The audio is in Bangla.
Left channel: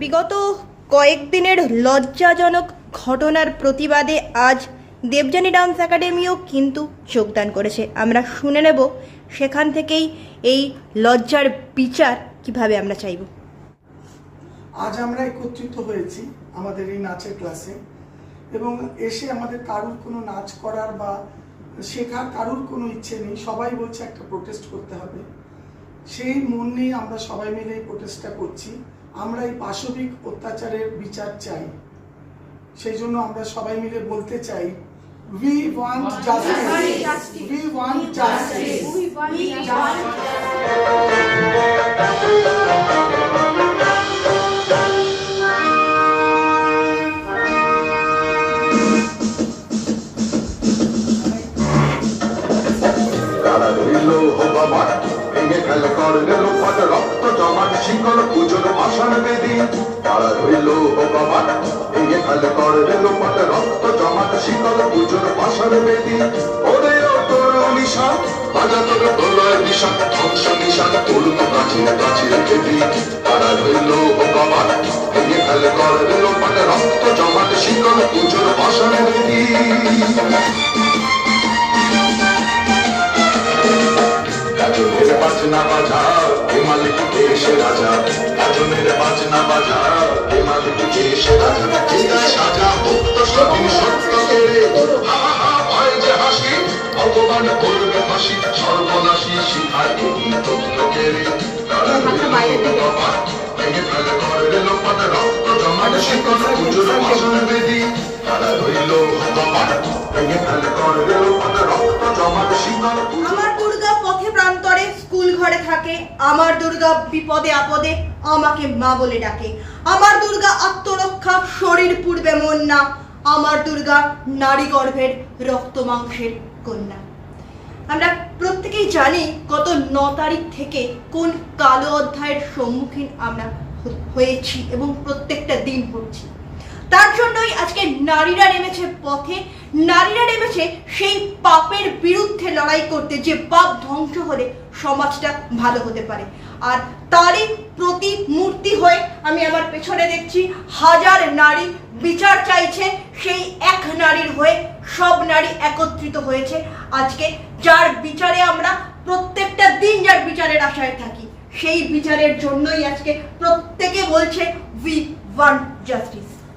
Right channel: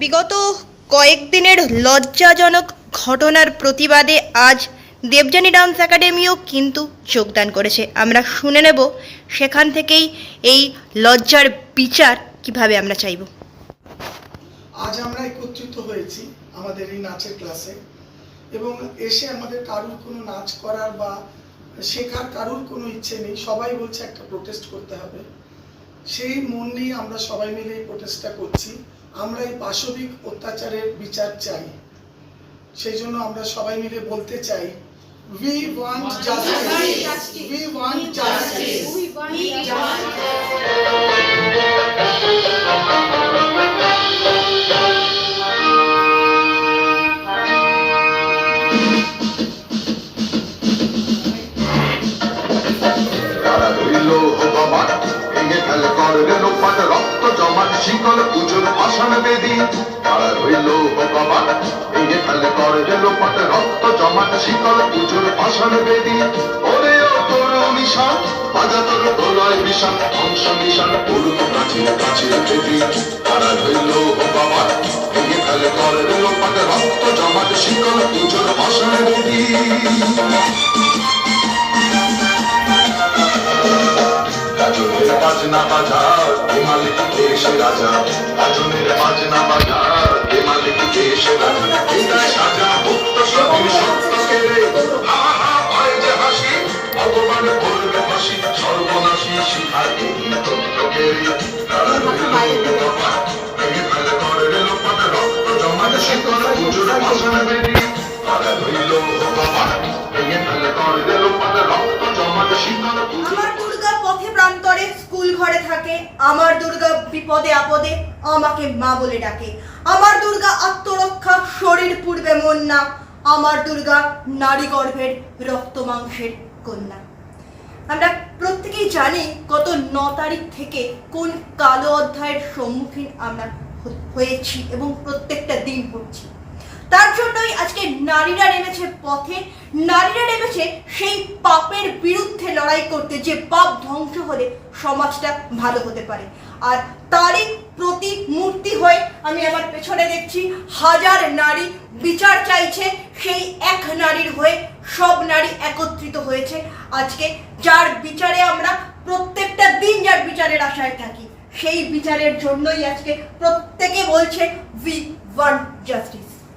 বিগত কয়েকদিনের লজ্জাজনক ঘটনার প্রতিবাদে আজ দেবযানী ডান্স একাডেমিও কিন্তু যোগদান করেছে। আমরা শুনে নেব সেখান থেকেই এই লজ্জার বিচার কীভাবে আমরা চাইব। আজ আমরা একত্রিত হয়েছি আমাদের এই নাচের ক্লাসে এবং এসে আমাদের কারুর কোনো নাচ করার বা শেখার কারুর কোনো ইচ্ছে নেই। সবাই বলছে একটা প্রোটেস্ট করতে হবে। সেই মন নিয়ে আমরা সবাই মিলে এই প্রোটেস্টটা করছি। আমরা এই পাশবিক অত্যাচারের বিচার চাই। সেই জন্য আমরা সবাই মিলে বলতে চাই we want justice we want justice রইল ভগবান ভেঙে ফেলে করলে লোপাট রক্ত জমাট, শিকল পুজোর পাষাণ বেদি। তারা রইল ভগবান ভেঙে ফেলে করলে লোপাট রক্ত জমাট, শিকল পুজোর পাষাণ বেদি। ওরে নিশান, বাজা তোর প্রলয় নিশান, ধ্বংস নিশান পড়ুক প্রাচীন প্রাচীন বেদি তারা রইল ভগবান ভেঙে ফেলে করলে লোপাট রক্ত জমাট, শিকল পুজোর বেদি। বাজনা বাজা এ মালিক দেশ রাজা? গাজনের বাজনা বাজা এ মালিক দেশ রাজা? হৃদয় সাজা মুক্ত স্বাধীন সত্য কেড়ে হা হা হা ভয় যে হাসি ভগবান করবে হাসি সর্বনাশী শিখায় এই তত্ত্ব তারা রইল ভগবান ভেঙে ফেলে করে রক্ত জমাট শিকল পুজোর ভাষণ বেদি তারা রইল ভগবান ভেঙে ফেলে করে লোপাট রক্ত থাকে আমার দুর্গা বিপদে আপদে আমাকে মা বলে ডাকে। আমার দুর্গা আত্মরক্ষা শরীর পূর্বে মন না, আমার দুর্গা নারী গর্ভের রক্ত মাংসের কন্যা। আমরা প্রত্যেকেই জানি গত ন তারিখ থেকে কোন কালো অধ্যায়ের সম্মুখীন আমরা হয়েছি এবং প্রত্যেকটা দিন হচ্ছি তার জন্যই আজকে নারীরা নেমেছে পথে। নারীরা নেমেছে সেই পাপের বিরুদ্ধে লড়াই করতে, যে পাপ ধ্বংস হলে সমাজটা ভালো হতে পারে। আর তারই প্রতিমূর্তি হয়ে আমি আমার পেছনে দেখছি, হাজার নারী বিচার চাইছে, সেই এক নারীর হয়ে সব নারী একত্রিত হয়েছে। আজকে যার বিচারে আমরা প্রত্যেকটা দিন যার বিচারের আশায় থাকি, সেই বিচারের জন্যই আজকে প্রত্যেকে বলছে we want justice